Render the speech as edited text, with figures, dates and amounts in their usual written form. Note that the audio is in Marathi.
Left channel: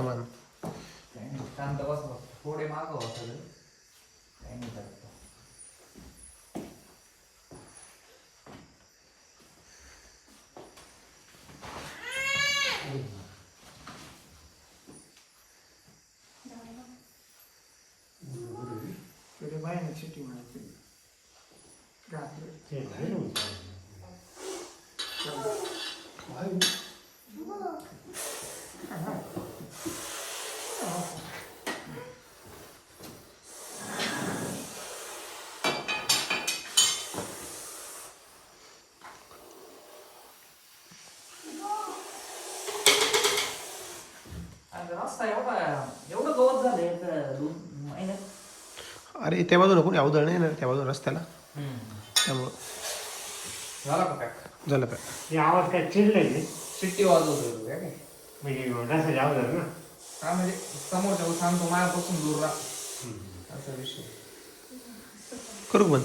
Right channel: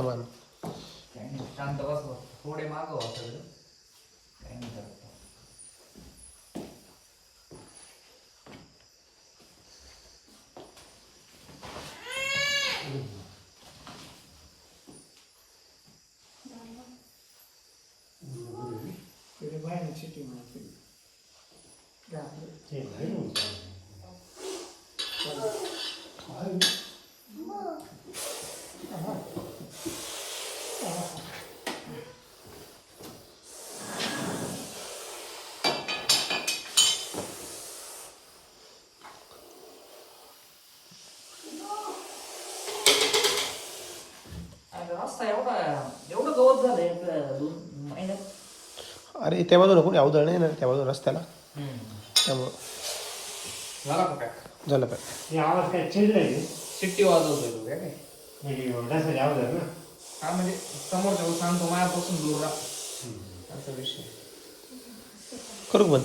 समान. काही नाही, शांत बस बस. थोडे मागं व्हा सगळे. काही नाही करत. बाहेर सिटी मध्ये रस्ता एवढं गवत झालं एक 2 महिन्यात. अरे त्या बाजूला कोणी अवधळ नाही ना त्या बाजूला रस्त्याला, त्यामुळं झाला का पॅक? झालं काय. आवाज काय चिडलाय शिट्टी वाजवतोय तू काय? म्हणजे रस्त्याच्या अवघड ना. हा म्हणजे समोरच्या सांगतो मायापासून दूर राहा असा विषय. करू का बंद.